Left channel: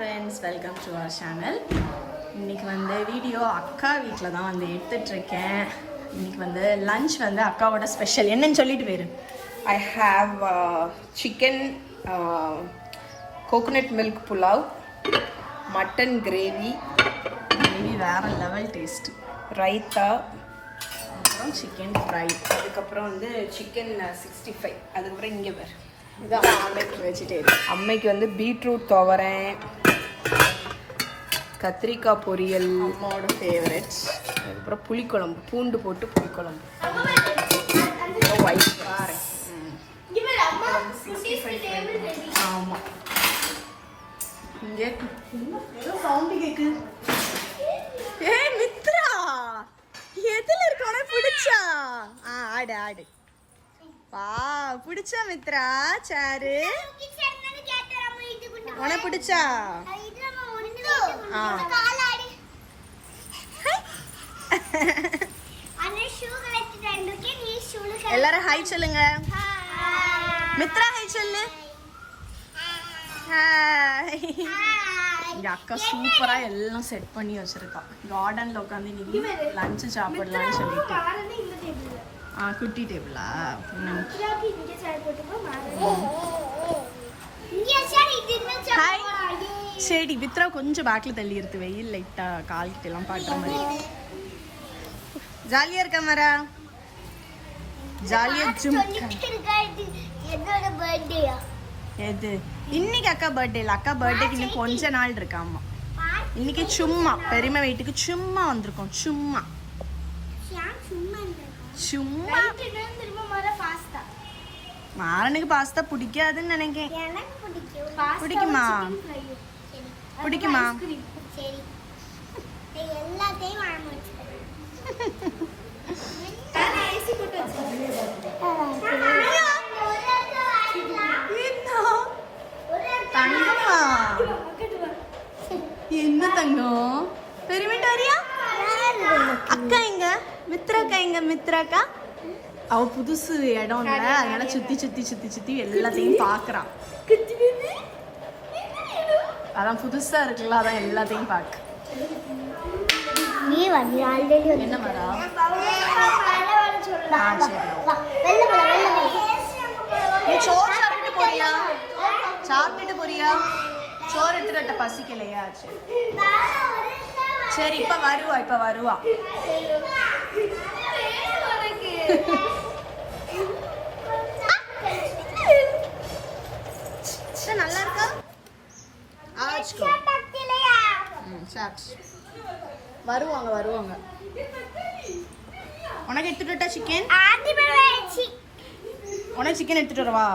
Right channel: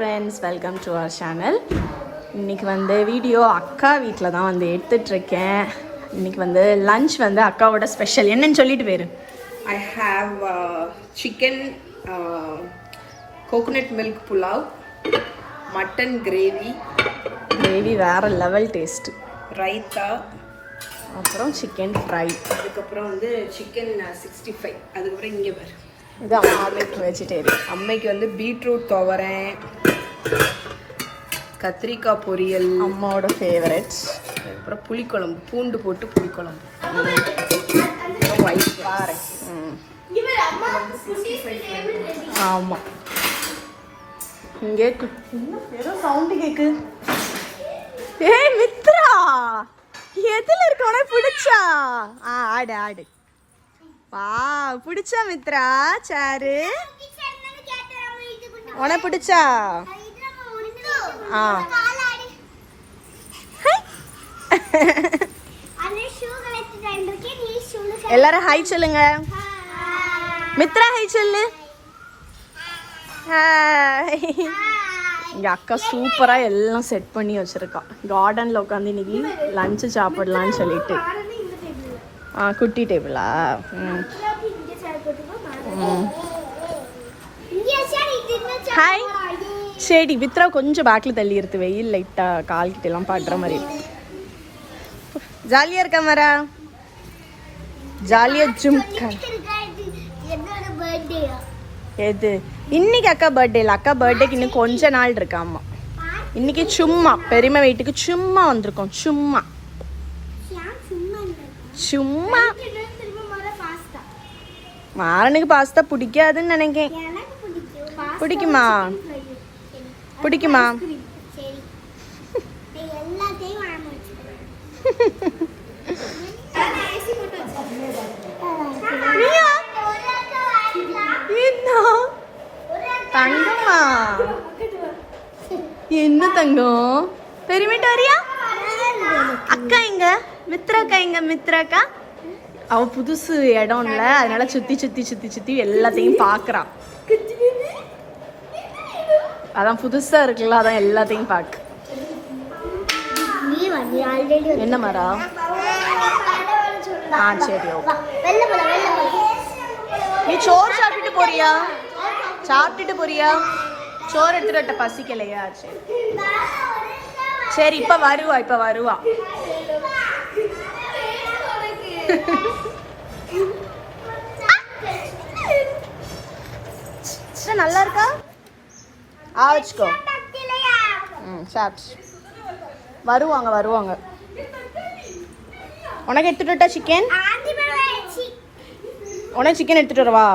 Friends, welcome to our channel. இன்றைக்கி வந்து video அக்கா வீட்டில் தான் வந்து எடுத்துட்ருக்கேன். இன்றைக்கி வந்து லன்ச் வந்து அக்காவோட ஸ்பெஷல் என்னன்னு சொல்லிட்டு போயிரு. I have chicken coconut milk pulao, mutton gravy வேறு லெவல் டேஸ்ட்டு, raita, அப்புறம் சிக்கன் ஃப்ரை, அதுக்கப்புறம் வந்து சிக்கன் 65. அதுக்கப்புறம் இங்கே பாரு, இது அம்மாவுக்கு வெஜிடேரியன். அம்மைக்கு வந்து பீட்ரூட் துவரேன், கத்திரிக்காய் பொரியல் அம்மாவோட ஃபேவரட்ஸ், அதுக்கப்புறம் புளிக்குழம்பு, பூண்டு போட்டு புளிக்குழம்பு, ஆமாம். இங்கே ஏதோ சவுண்டு கேக்கு. ஏய் மித்ரா, எதில் இருக்க உனக்கு பிடிச்சா? ஆடு ஆடு. வா, பிடிச்சா மித்ரா சாரு? உனக்கு பிடிச்சா? எல்லாரும் ஹாய் சொல்லுங்க. மித்ரா ஹாய் சொல்லு. இங்க அக்கா சூப்பரா எல்லாம் செட் பண்ணி வச்சிருக்கா. கார்டன்ல உட்காந்து இன்னைக்கு லஞ்சு சாப்பிடலான்னு சொல்லிட்டு. குட்டி டேபிளா? ஹாய். சரி, மித்ரா கொஞ்சம் பேக்கில் தள்ளி இருக்கு, வெயில் லைட்டா கால் கிட்ட எல்லாம் பாடுற மாதிரி. ஜாலியா இருக்கா மரா? ஜாலியா ஜும். எது? இன்னைக்கு அக்கா பர்த்டே இல்லை, அக்கா பர்த்டேக்கு இன்னும் கொஞ்ச நாள் இருக்காமா. இன்னைக்கு சும்மா பெருமை வீட்டுக்கு சும்மா வந்திருக்கோம். சும்மா சும்மா. மாறனுக்கு பாஸ்தா பிடிக்காதுன்னு நினைக்கிறேன். பிடிக்குமா? பிடிக்குமா? தங்கம்மா, என்ன தங்கம்? பெருமிட்டு வரியா? அக்கா எங்க? மித்ராக்கா எங்க? மித்ராக்கா அவ புதுசு இடம்ல, அதனால சுத்தி சுத்தி சுத்தி சுத்தி எல்லாத்தையும் பாக்குறான். அதான் புதுசா இருக்குல்ல, அதான் எல்லாத்தையும் பாக்கு. என்ன மரா? சரி, நீ சோறு சாப்பிட்டுட்டு போறியா? சாப்பிட்டுட்டு போறியா? சோறு எடுத்துட்ட, பசிக்கலையா? சரி, இப்ப வருவா, இப்ப வருவா. நல்லா இருக்கா? ஆவச்சுக்கோ. வருவாங்க வருவாங்க. உனக்கு எடுத்துட்டா சிக்கன்? உனக்கு சிக்கன் எடுத்துட்டு வரவா?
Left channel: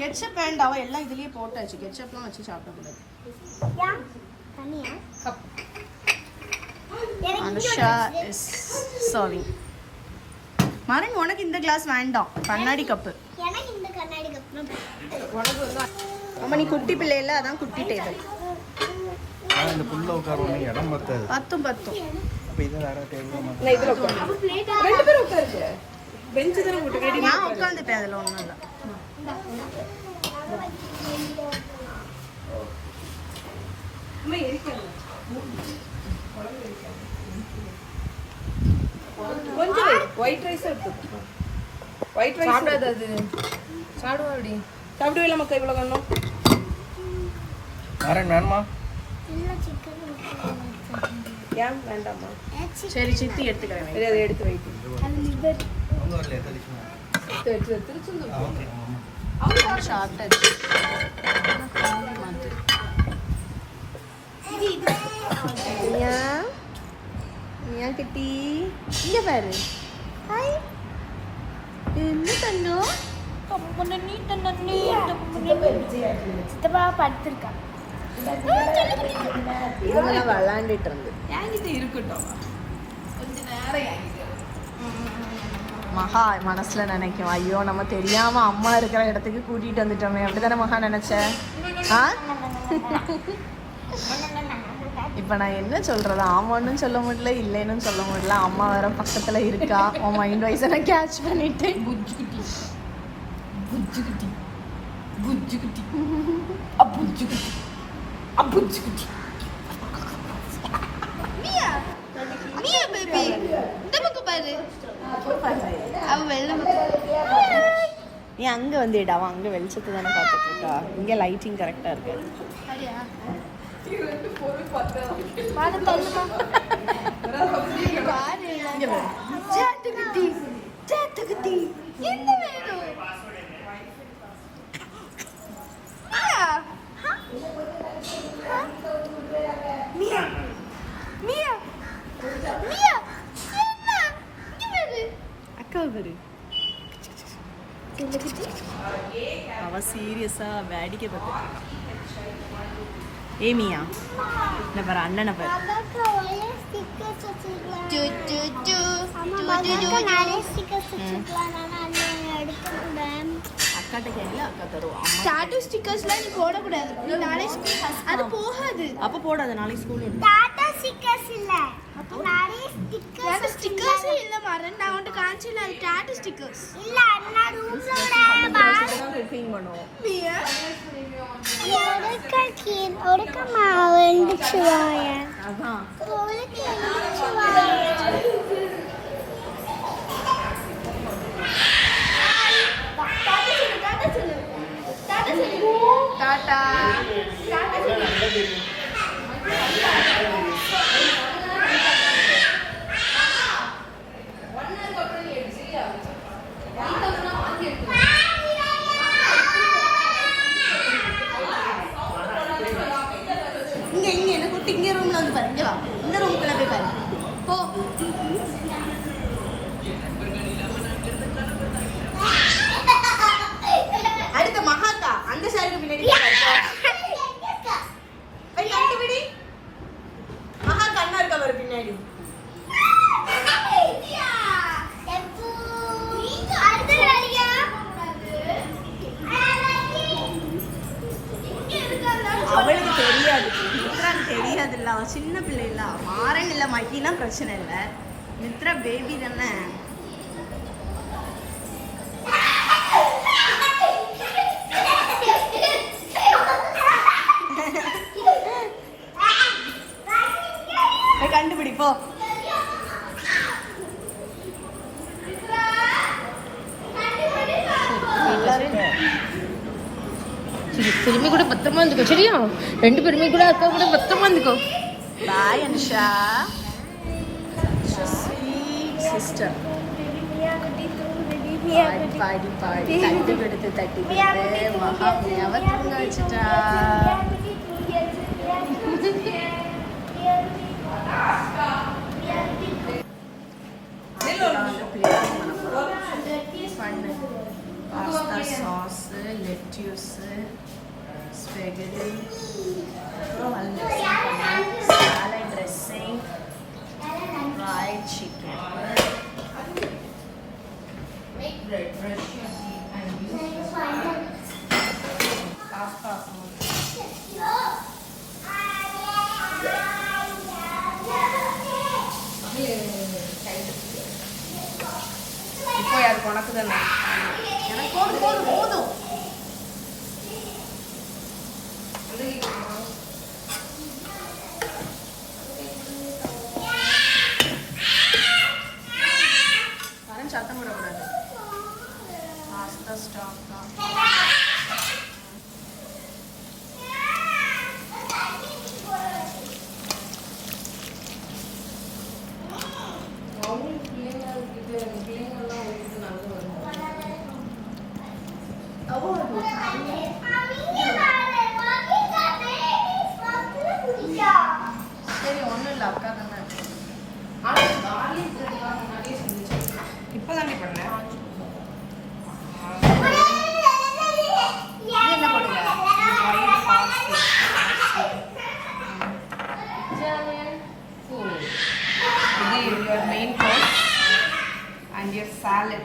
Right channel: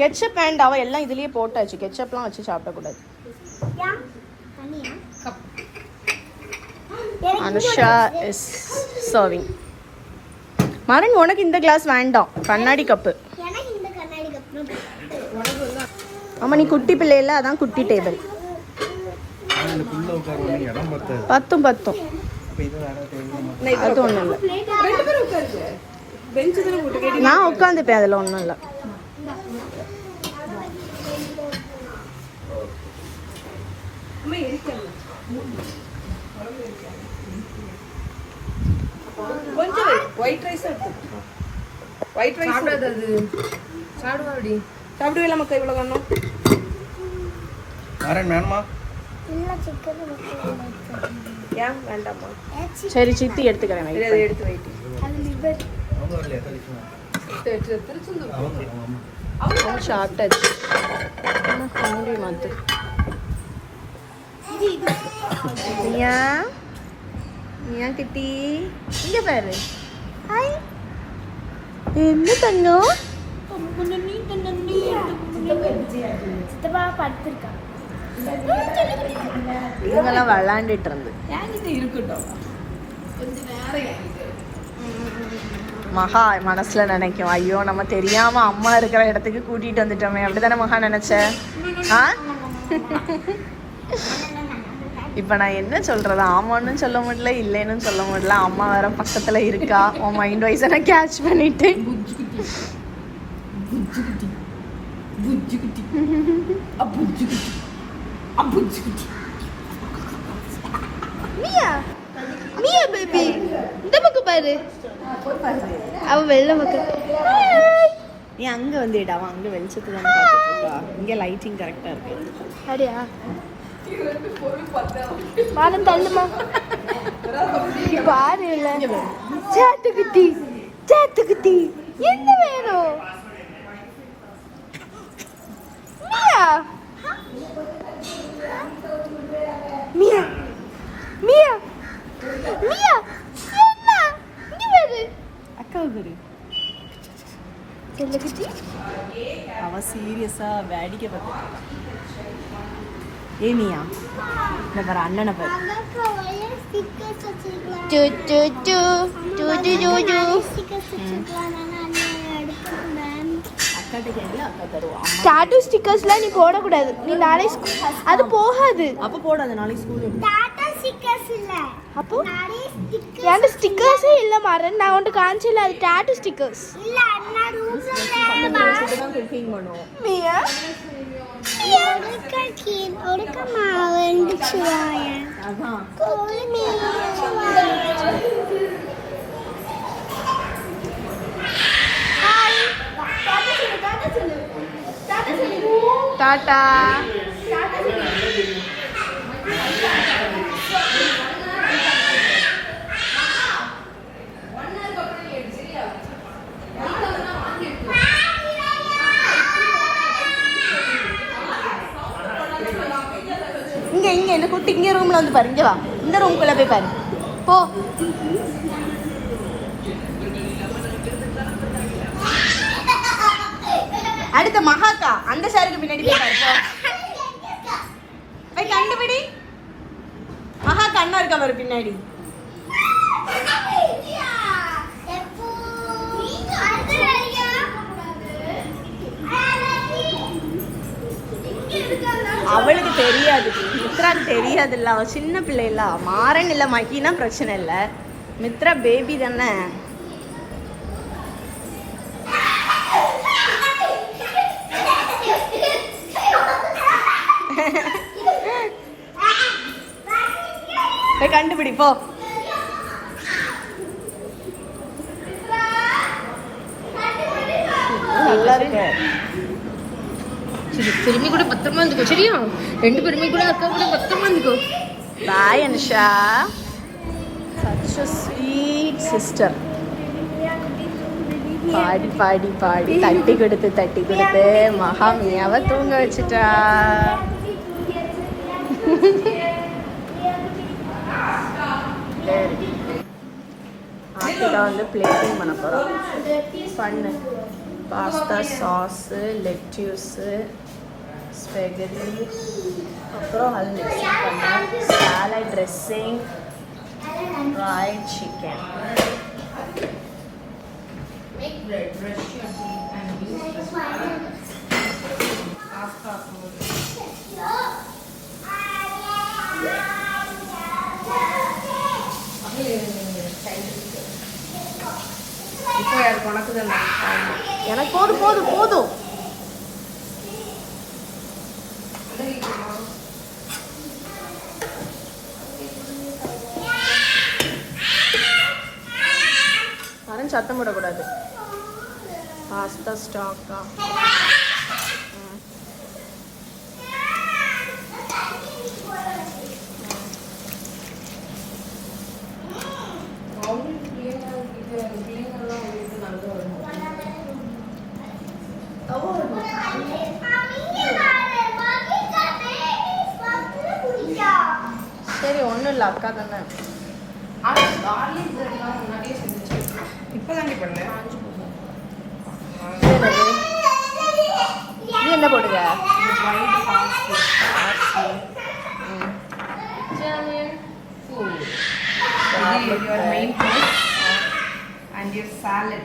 கெட்சப் வேண்டாம், எல்லாம் இதுலயே போட்டாச்சு. கெட்சப்லாம் வச்சு சாப்பிடக்கூடாது. Anusha is serving. மரன், உனக்கு இந்த கிளாஸ் வேண்டாம், கண்ணாடி கப்பு. ஆமா, நீ குட்டி பிள்ளை இல்ல, அதான் குட்டி டேபிள். பத்தும் பத்தும். அது ஒண்ணும் இல்லை, நான் உட்காந்துப்பேன், அதுல ஒண்ணும் இல்லை. சரி, சித்தி எடுத்துக்கிறேன். சாப்பிட்டாச்சு. கிட்டி என்ன தங்கம்? விளாண்டுட்டு இருக்கட்டும். மகா மனசுல நினைக்கும், ஐயோ நம்ம தெரியாம அம்மா இருக்கிற இடத்துக்கு கூட்டிட்டு வந்துட்டோமே. அப்படிதானே மகா நினைச்ச? இப்ப நான் என்ன சொல்றது? ஆமான்னு சொல்ல முடியல, இல்லைன்னு சொல்ல முடியல. அம்மா வேற பக்கத்துல இருக்கா. உன் மைண்ட் வைஸ நான் கேட்ச் பண்ணிட்டேன். மியா மியா பேபி இந்த பக்கம் பாரு அவ வெள்ள பக்கம் நீ அங்க வந்துடா அவன் அங்க வெளிச்சத்தை தானே பார்த்துட்டு இருக்கா இங்க லைட்டிங் கரெக்டா இருக்கு அப்படியா பாடம் தள்ளுமா பாரு சாத்துக்குட்டி சாத்துக்குட்டி என்ன வேணும் மியா மியா மியா மியா என்ன இங்க பாரு அக்கா பாரு அவ சீரியஸா வேடிக்கை பார்த்துட்டு ஏமியா இந்த பாரு அண்ணனை பாரு அக்காட்ட கேட்கல அக்கா தருவா டாட்டூ ஸ்டிக்கர்ஸ்லாம் நீ போடக்கூடாது நீ நாளை அது போகாது அப்ப போடாத நாளைக்கு ஸ்கூல் டாடா ஸ்டிக்கர்ஸ் இல்ல அப்போ நிறைய ஸ்டிக்கர்ஸ் என்கிட்ட ஸ்டிக்கர்ஸே இல்ல மாறன் நான் உன்கிட்ட காமிச்சல அது டாட்டூ ஸ்டிக்கர்ஸ் இல்ல அண்ணா ரூம்ல தான் குக்கிங் பண்ணுவோம் மியா ஒடுக்கமா வந்துச்சுவாயா அதான் கோழி வந்துச்சுவாயா டாடா இங்க இங்க என்ன கூட்டி இங்க ரூம்ல வந்து பாரு இங்க வா இந்த ரூம்குள்ள போய் பாரு போ அடுத்த மகாக்கா அந்த சாருக்கு பின்னாடி போய் பாரு போ. போய் கண்டுபிடி மகாக்கா அண்ணா இருக்கா பாரு பின்னாடி அவளுக்கு தெரியாது மித்ராக்கு தெரியாது இல்ல அவ சின்ன பிள்ளை இல்ல மாறன் இல்ல மகினா பிரச்சனை இல்ல மித்ரா பேபி தானே போய் கண்டுபிடி போ நல்லா இருக்கு திரும்பி கூட பத்திரமா இருந்துக்கோ சரியா ரெண்டு பேருமே கூட அக்கா கூட பத்திரமா இருந்துக்கோ பாய் Anusha such a sweet sister பாடி பாடி பாடி தட்டி கொடுத்து மகாமியாவை தூங்க வச்சுட்டா வந்து பிளேட்டிங் பண்ண போறோம் பண்ணு பாஸ்தா சாஸு லெட்யூஸு ஸ்பெகடி அப்புறம் அது மிக்ஸ் பண்ணேன் சாலட் ட்ரெஸ்ஸிங் ஃப்ரைட் சிக்கன் இப்போ யாருக்கு உனக்கு தானே எனக்கு போதும் சத்தம் போடக்கூடாது பாஸ்தா ஸ்டாக்கா சரி ஒன்றும் இல்லை அக்கா தானே இப்போதாண்டி பண்ணேன் இது என்ன போடுங்க your main course and your salad.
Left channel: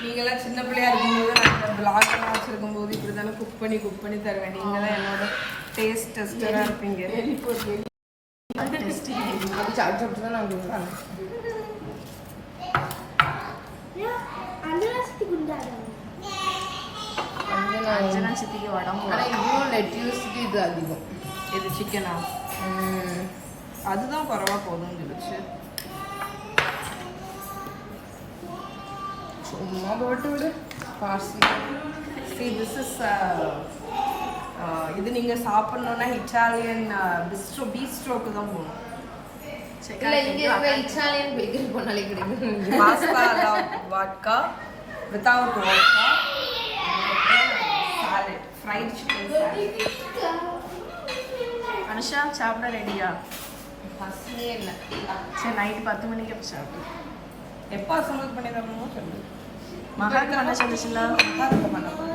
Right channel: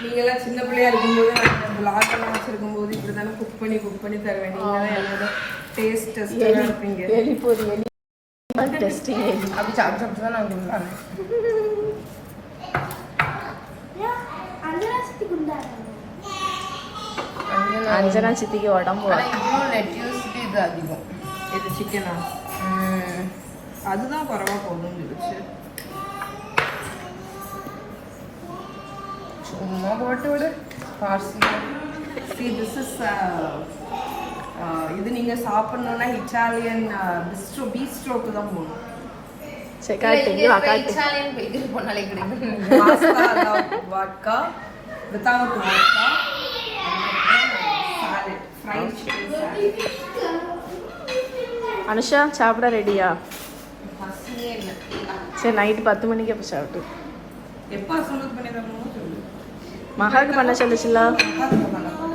நீங்களாம் சின்ன பிள்ளையா இருக்கும்போது நான் பிளாக் எல்லாம் வச்சிருக்கும் போது இப்படி தானே குக் பண்ணி தருவேன். நீங்க தான் என்னோட டேஸ்ட் டெஸ்டராக இருப்பீங்க. அஞ்சனா சித்திக்கு உடம்பு இது சிக்கனா அதுதான் குறவா போதும்னு சொல்லிச்சு. See, this is இது நீங்க சாப்பிடணும்னா இட்டாலியன் பீஸ்ட்ரோக்கு தான் போகணும். சரி காட்டு காட்டு pasta vodka without vodka salad fried chicken salad. Anusha சாப்பிட ரெடியா? பசியே இல்லை. சரி நைட்டு 10 மணிக்கு அப்போ சாப்பிட்டு எப்போ அசம்பிள் பண்ணிடுறாங்களோ சொல்லு. மகாக்கு பண்ண சொல்லுச்சுல மகாக்கு பண்ணப்போ